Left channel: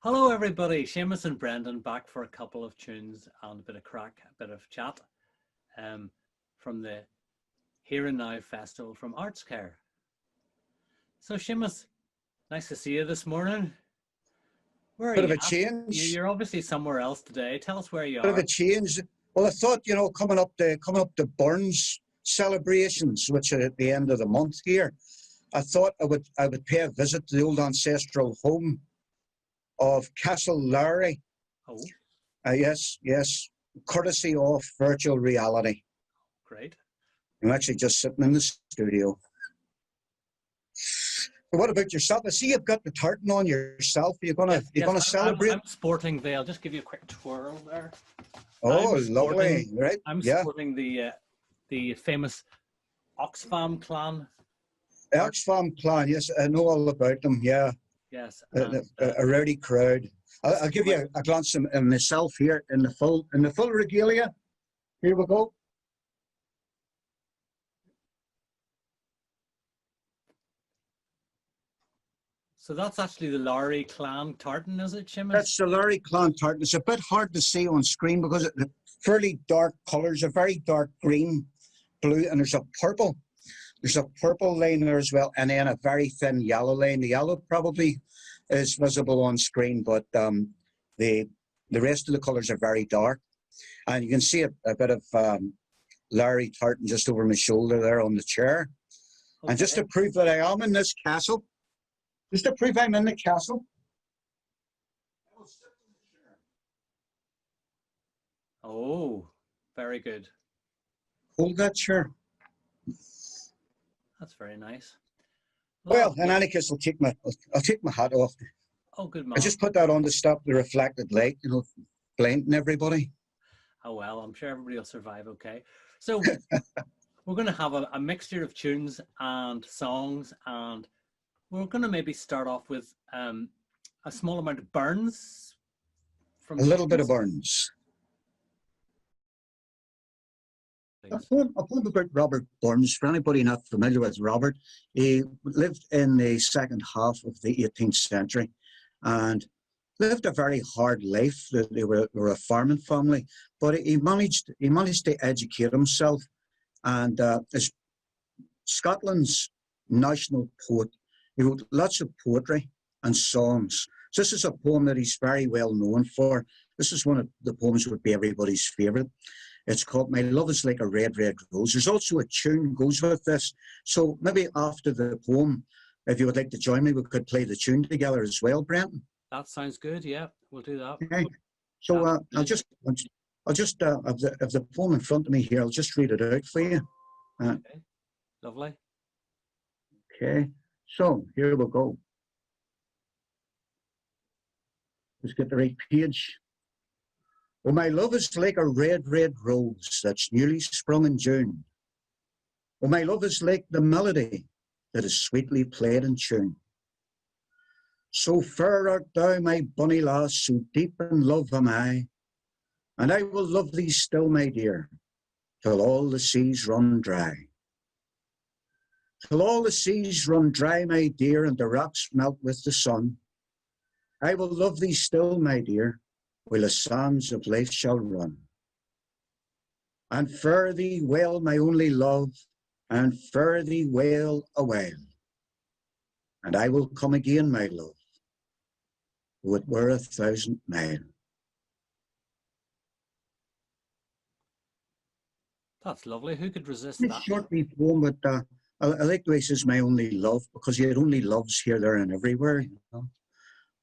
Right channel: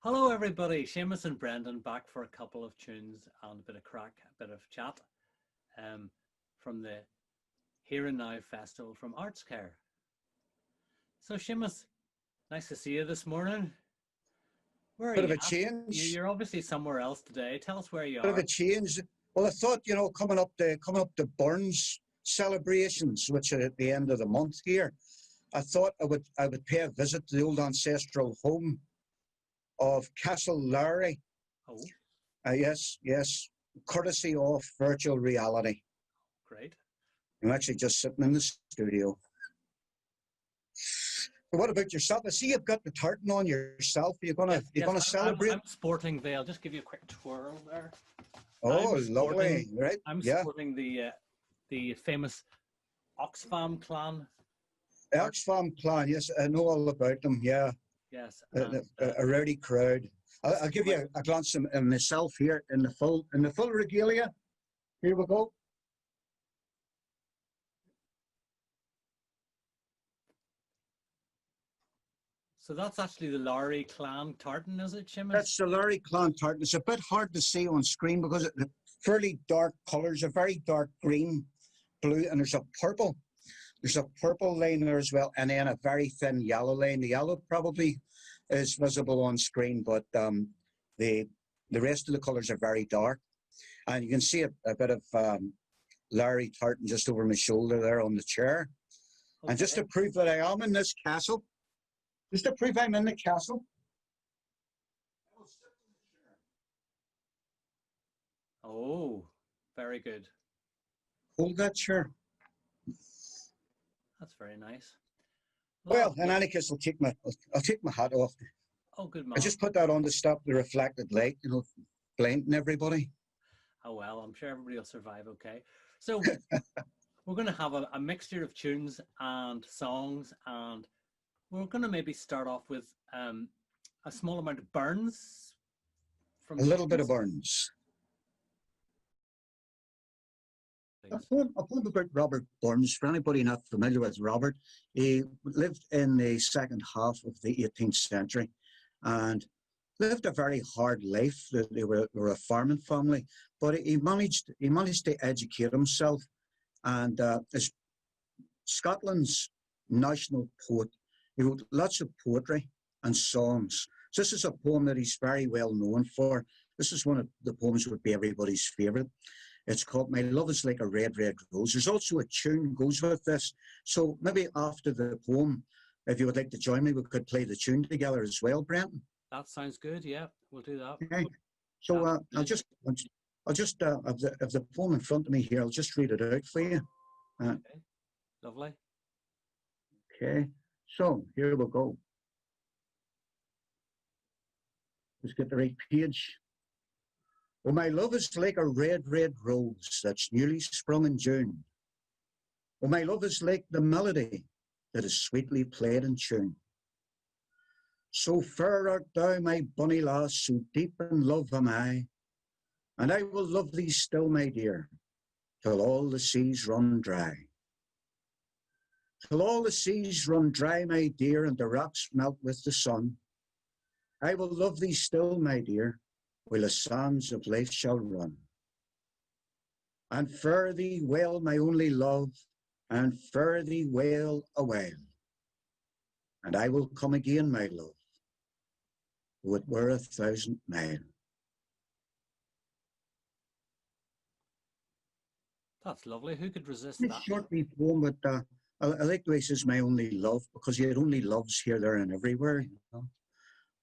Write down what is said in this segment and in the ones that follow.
Hello, everybody. Seamas and Brendan back for a couple of tunes and a bit of crack, a bit of chat um, from the Here and Now Festival from Artscare. So, Seamus, nice to see you this morning. Where are Bit you of a at? change. You're obviously somewhere else today. Tell us where you Bit of are. a change. Well, I thought, coming up the Burns celebrations, which are at the end of the month here, I thought I would pay a visit to the old ancestral home of Castle Lowry. Oh, Yes, courtesy of virtual reality. great. I'm actually just sitting in the studio. But what about yourself? I see you've got the tartan on yourself. You're gonna celebrate? I'm sporting the. I'll just give you a quick twirl there. Oh, lovely! Right? I'm Yeah. sporting the famous Oxfam clan. Oxfam clan. Yes, I know all about them. Yeah. Yes, A rowdy crowd. I'll give you a glance at myself here in the full regalia. Here we go. so that's actually the Lowry clan tartan, is it, Seamus? That's the Lowry clan tartan. It's a bit hard to see on screen because it's fairly dark colours, a very dark green, blue, and there's a purple. There's a purple line there as well, and then a very thin yellow line. The yellow probably is visible on screen, but the rest of the colours are very dark. And you can see a bit of Larry tartan just over my shoulder there on the chair. Okay. And just to prove that I am in this castle, just to prove I'm in the castle, I will sit in the chair. Oh, very good. Hold that chair. That's very nice. Well, in any case, I'll take my hat off. Oh, good man. I just put that on to stop the reflected light, blinding everybody. Oh, well, I'm sure everybody will survive okay. So we're going to have a mixture of tunes and songs, and we're going to maybe start off with a small amount of Burns. A little bit of Burns. A poem about Robert Burns. For anybody not familiar with Robert, he lived in the second half of the 18th century and lived a very hard life. They were a farming family, but he managed to educate himself, and as Scotland's national poet, he wrote lots of poetry and songs. So this is a poem that he's very well known for. This is one of the poems that would be everybody's favourite. It's called My Love is Like a Red, Red Rose. There's also a tune goes with this. So maybe after the poem, if you would like to join me, we could play the tune together as well, Brenton. That sounds good. Yeah, we'll do that. Okay. So I'll just have the poem in front of me here. I'll just read it out for you. Okay. Lovely. Okay. So here we go. Let's get the right page. Oh, my love is like a red, red rose that's newly sprung in June. Oh, my love is like the melody that is sweetly played in tune. So fair art thou, my bonny lass, so deep in love am I, and I will love thee still, my dear, till all the seas run dry. Till all the seas run dry, my dear, and the rocks melt with the sun, I will love thee still, my dear, while the sands of life shall run. And fare thee well, my only love, and fare thee well a while. And I will come again, my love, though it were 1,000 mile. That's lovely. Who could resist It's that? short wee poem, but I like the way he says my only love, because he had only loves here, there, and everywhere. You know?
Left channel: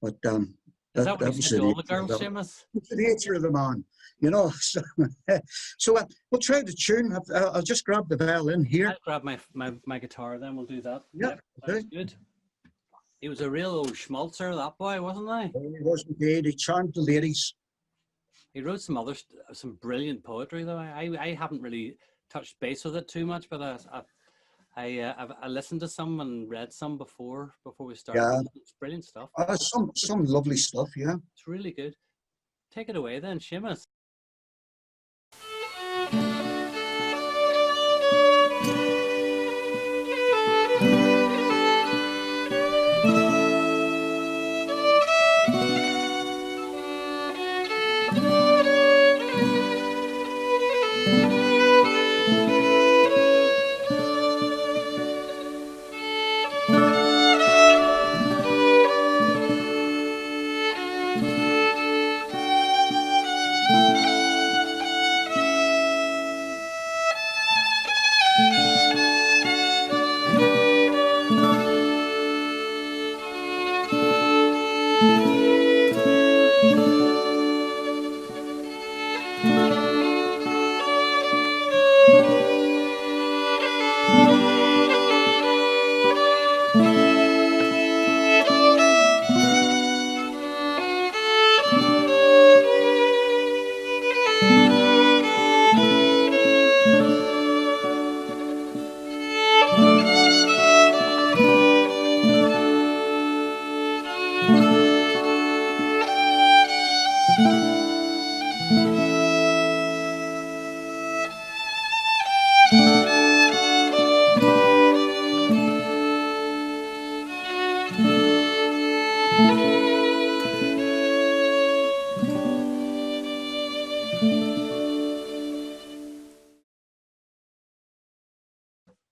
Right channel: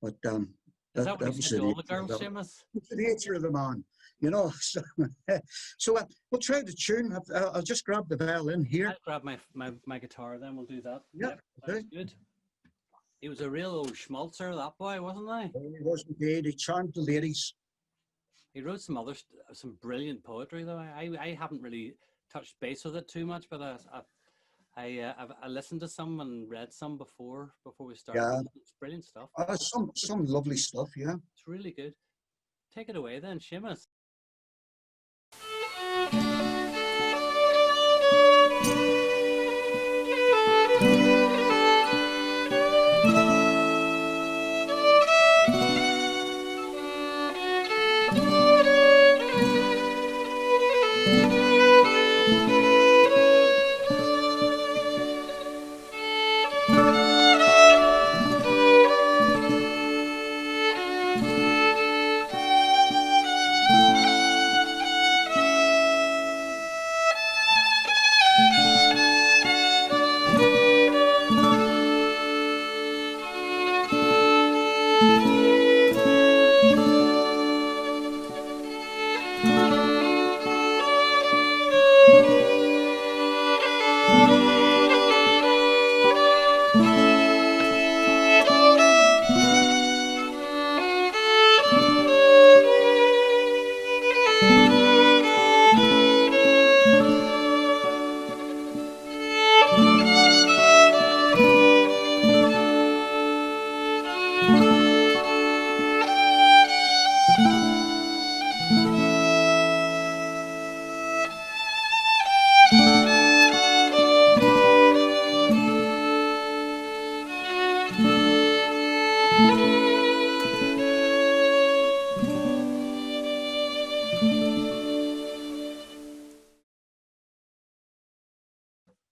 But Is that what he said to all the girls, Seamus? It's the nature of the man, you know. So we'll try the tune. I'll just grab the violin here. I'll grab my guitar, then we'll do that. Yeah, that's good. He was a real old schmaltzer, that boy, wasn't he? He was indeed. He charmed the ladies. He wrote some brilliant poetry, though. I haven't really touched base with it too much, but I listened to some and read some before we started. Yeah. It's brilliant stuff. Some lovely stuff, yeah. It's really good. Take it away then, Seamus.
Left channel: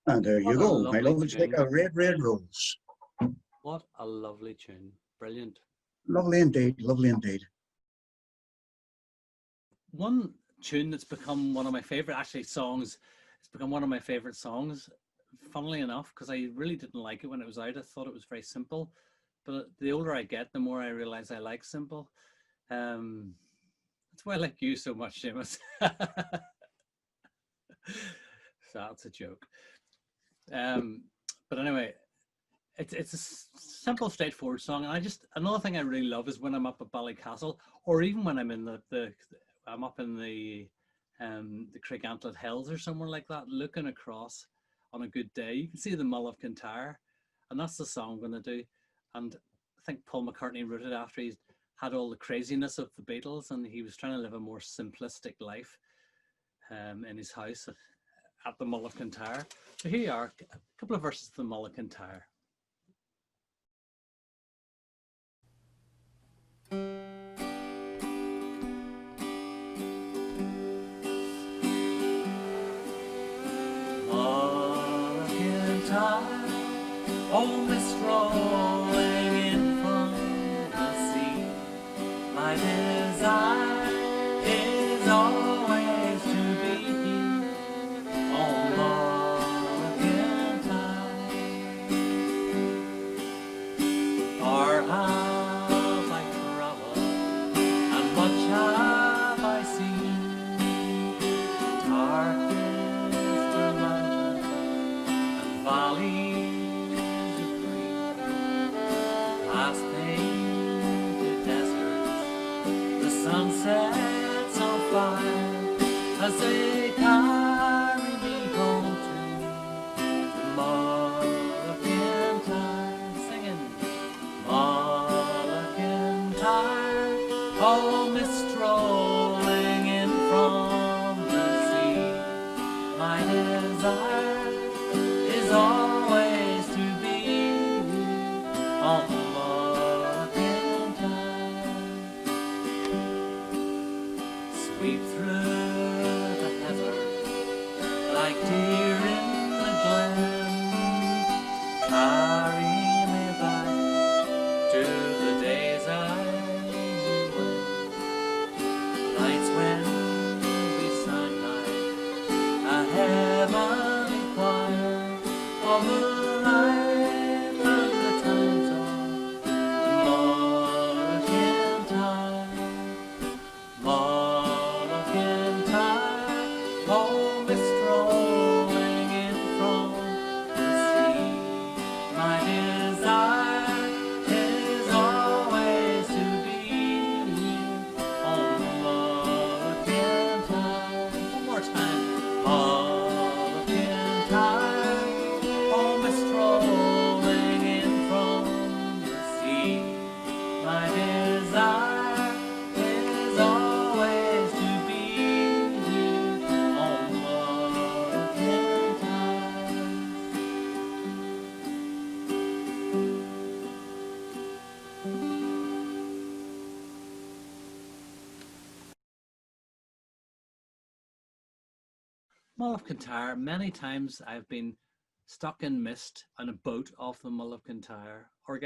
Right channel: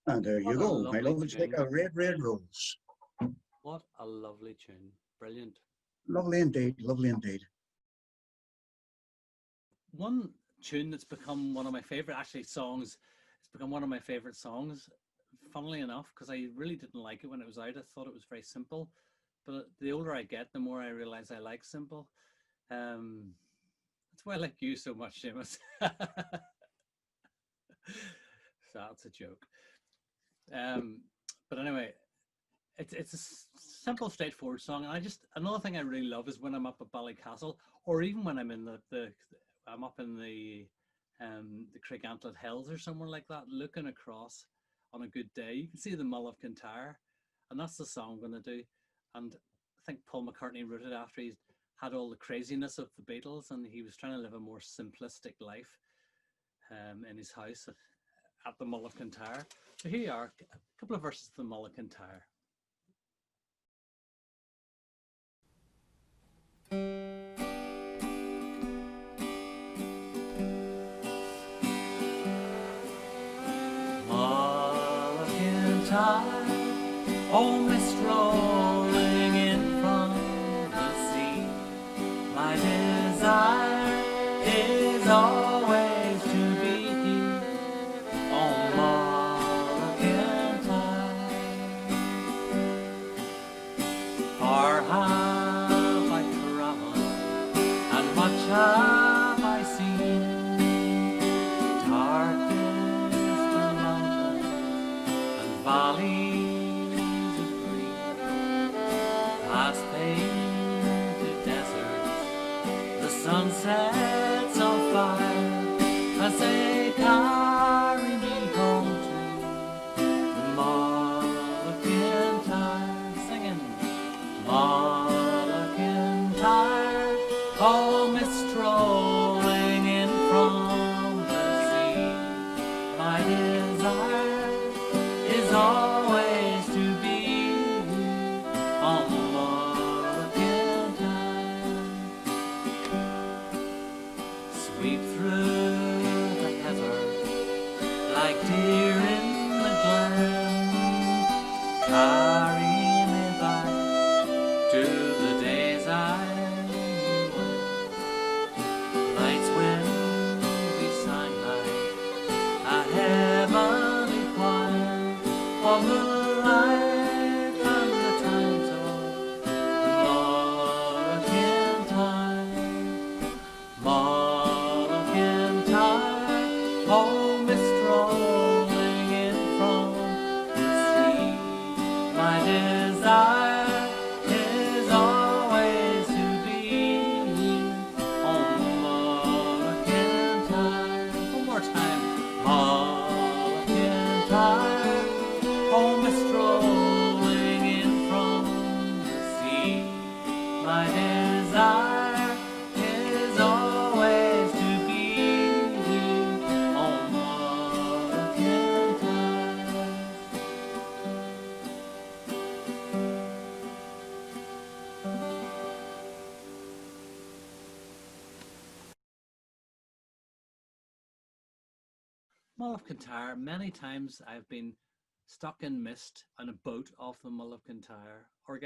And there What you a go. My lovely love will take tune. a red, red rose. What a lovely tune. Brilliant. Lovely indeed. Lovely indeed. One tune that's become one of my favorite actually songs, it's become one of my favorite songs, funnily enough, because I really didn't like it when it was out. I thought it was very simple, but the older I get, the more I realize I like simple. That's why I like you so much, Seamas. So that's a joke. But anyway, it's a simple, straightforward song, and another thing I really love is when I'm up at Ballycastle, or even when I'm in the I'm up in the Craiggantlet Hills or somewhere like that, looking across on a good day. You can see the Mull of Kintar, and that's the song I'm going to do. And I think Paul McCartney wrote it after he had all the craziness of the Beatles, and he was trying to live a more simplistic life in his house at the Mull of Kintar. So here you are, a couple of verses of the Mull of Kintar. Mull of Kintar, oh, mist rolling in from the sea. My desire is always to be on Mull of Kintar. Far have I travelled, and much have I seen. Dark is the mountain and valleys of green, past painted deserts, the sunsets on fire, as they carry me home to the Mull of Kintar. Singing Mull of Kintar, oh, mist rolling in from the sea. My desire is always to be on the Mull of Kintar. Sweep through the heather like deer in the glen. Carry me back to the days I knew when. Nights when we sang like a heavenly choir of the life and the times of the Mull of Kintar. Mull of Kintar, oh, mist rolling in from the sea. My desire is always to be on the Mull of Kintar. One more time. Mull of Kintar, oh, mist rolling in from the sea. My desire is always to be on the Mull of Kintar. Mull of Kintar. Many times I've been stuck in mist on a boat off the Mull of Kintar, or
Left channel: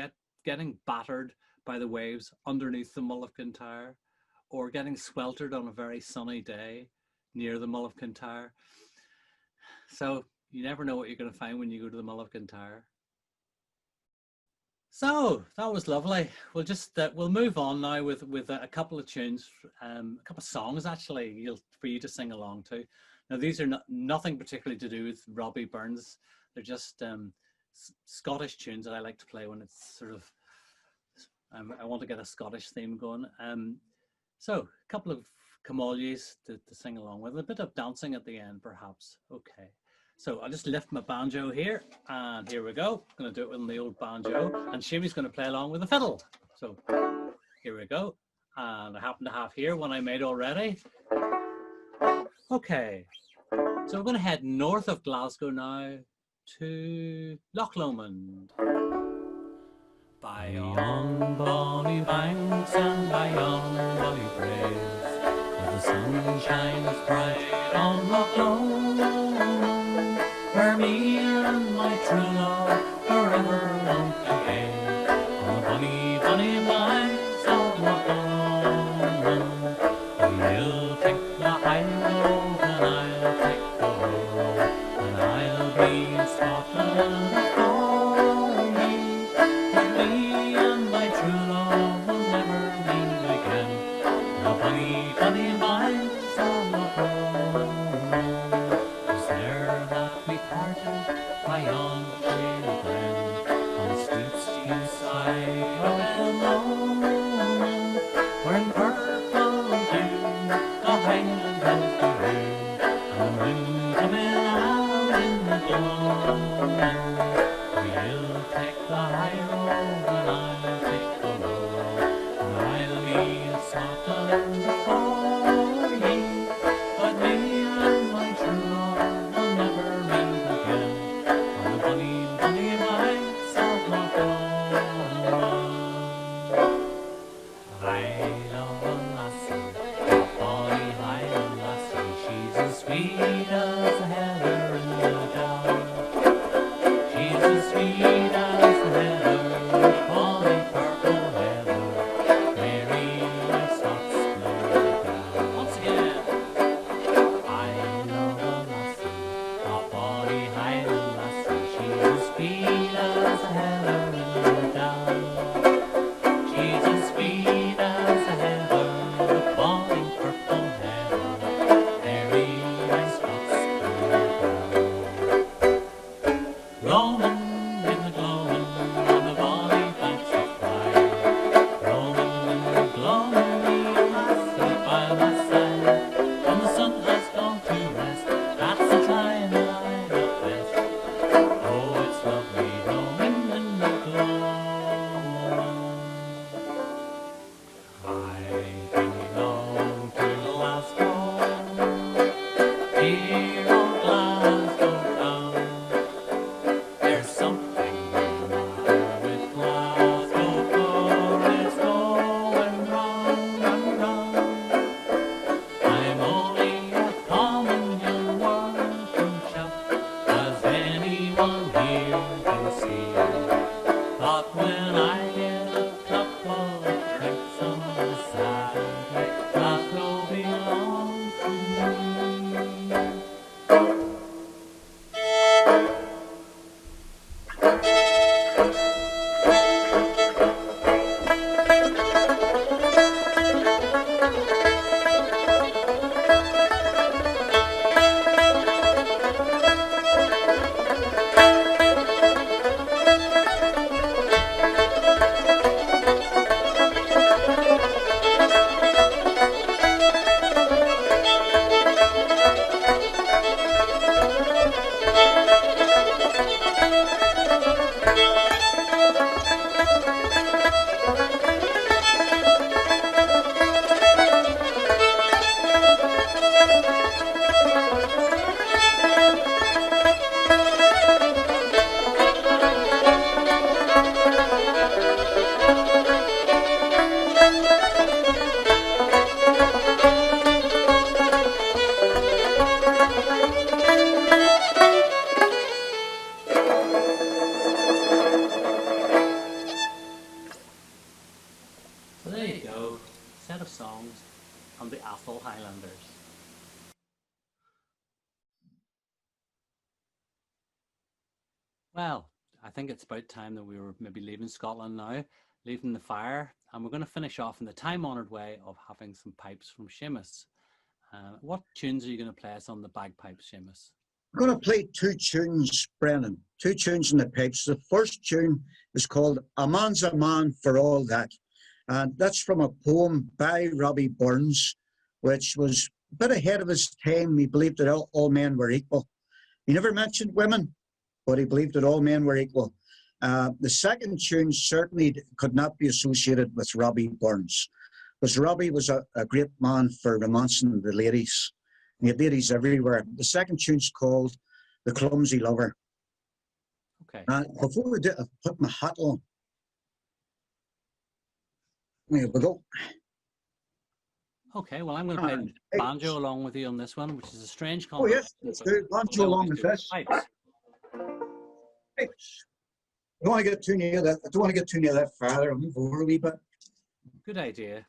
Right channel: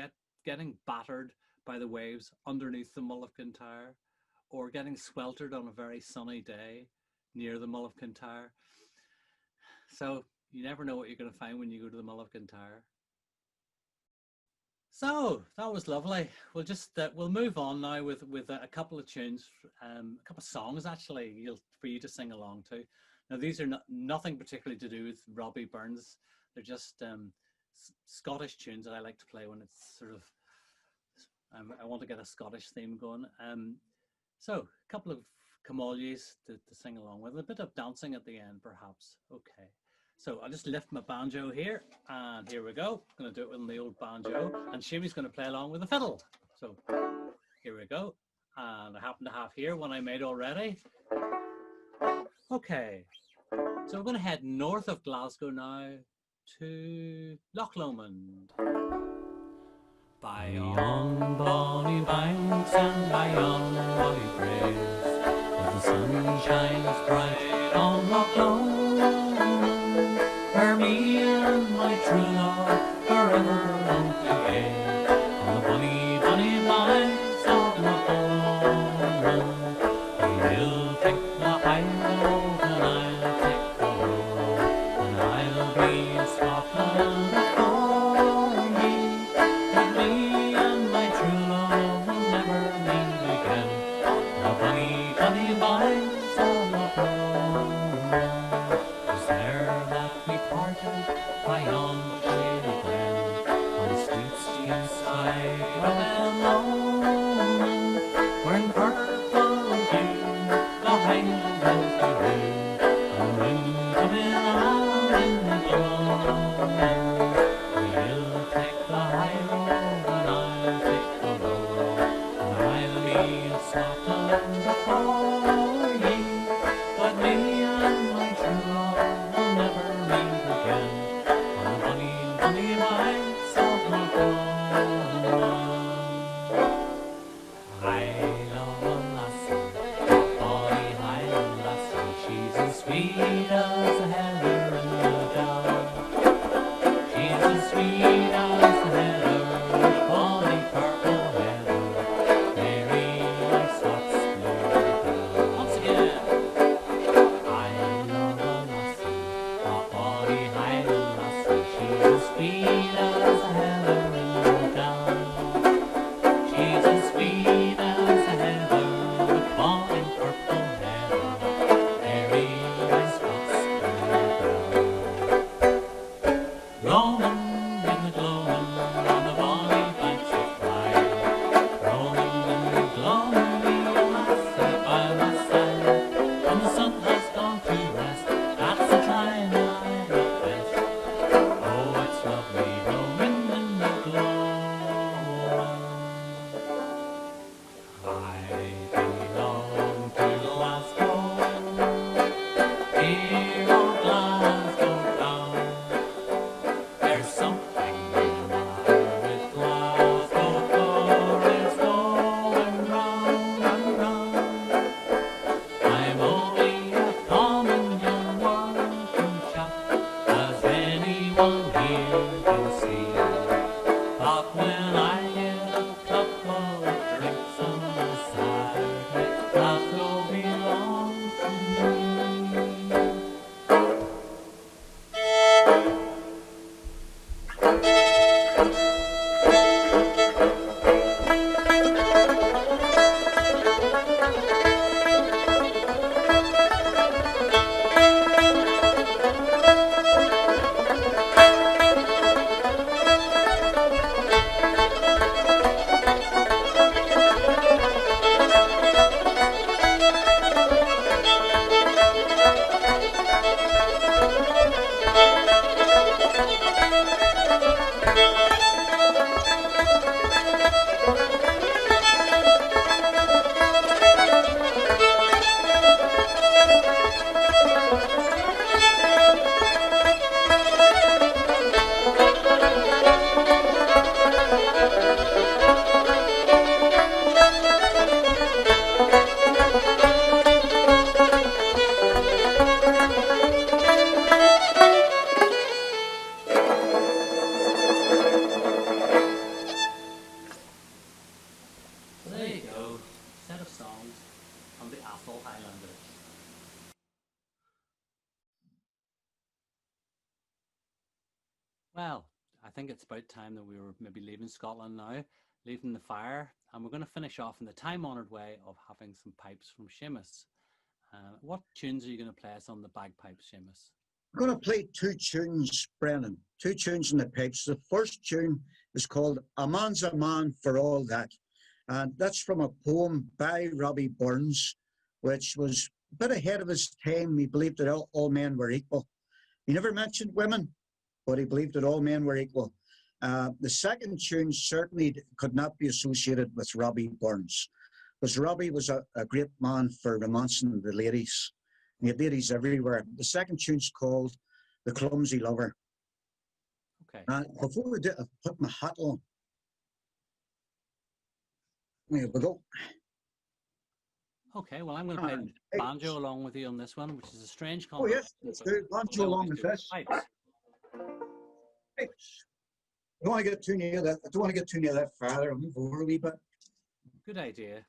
getting battered by the waves underneath the Mull of Kintar, or getting sweltered on a very sunny day near the Mull of Kintar. So you never know what you're going to find when you go to the Mull of Kintar. So that was lovely. We'll move on now with a couple of tunes, a couple of songs actually, for you to sing along to. Now these are nothing particularly to do with Robbie Burns. They're just Scottish tunes that I like to play when it's sort of I want to get a Scottish theme going. So a couple of Camolies to sing along with, a bit of dancing at the end perhaps. Okay. So I'll just lift my banjo here, and here we go. I'm going to do it with the old banjo, and Shimmy's going to play along with the fiddle. So here we go. And I happen to have here one I made already. Okay, so we're going to head north of Glasgow now to Loch Lomond. By yon bonny banks and by yon bonny braes, where the sun shines bright on Loch Lomond, where me as we roam, and the moon coming out in the gloaming. We'll take the high road and I'll take the low road, and I'll be in Scotland before ye. But me and my true love will never meet again on the bonny, bonny banks of Loch. I love a lassie, a bonny Highland lassie. She's as sweet as the heather in the down. She's as sweet as the heather, the bonny purple heather, Mary my Scots blue gown. Once again. I love a lassie, a bonny Highland lassie. She's as sweet as the heather in the down. She's as sweet as the heather, the bonny purple heather, Mary my Scots blue gown. Roaming in the gloaming on the bonny banks of Clyde, roaming in the gloaming, me a lassie by my side. When the sun has gone to rest, that's the time that I love best. Oh, it's lovely roaming in the gloaming. I belong to Glasgow, dear old Glasgow town. There's something the matter with Glasgow, for it's going round and round. I'm only a common young working chap, as anyone here can see. But when I get a couple of drinks on the side, Glasgow belongs to me. So there you go, set of songs on the Atholl Highlanders. Well, I think it's about time that we were maybe leaving Scotland now, leaving the fire, and we're going to finish off in the time-honoured way of having some pipes from Seamas. What tunes are you going to play us on the bagpipes, Seamas? I'm going to play two tunes, Brennan, two tunes in the pipes. The first tune is called A Man's a Man for All That. And that's from a poem by Robbie Burns, which was a bit ahead of his time. He believed that all men were equal. He never mentioned women, but he believed that all men were equal. The second tune certainly could not be associated with Robbie Burns, because Robbie was a great man for romancing the ladies. He had ladies everywhere. The second tune's called The Clumsy Lover. Okay. Before we do, I've put my hat on. There we go. Okay, well, I'm going to play banjo along with you on this one, which is a strange Oh, combination. yes, let's do banjo along with this. Pipes. Pipes. I don't want to get too near that. I don't want to get too near that farther. I'll move over a wee bit. Good idea.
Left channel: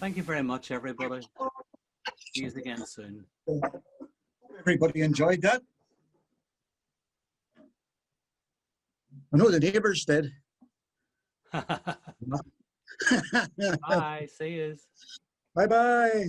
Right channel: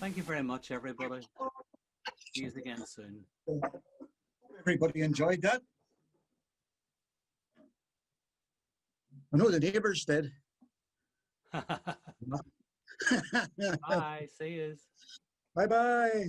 Thank you very much, everybody. See you again soon. Everybody enjoyed that. I know the neighbours did. Bye. See you. Bye-bye.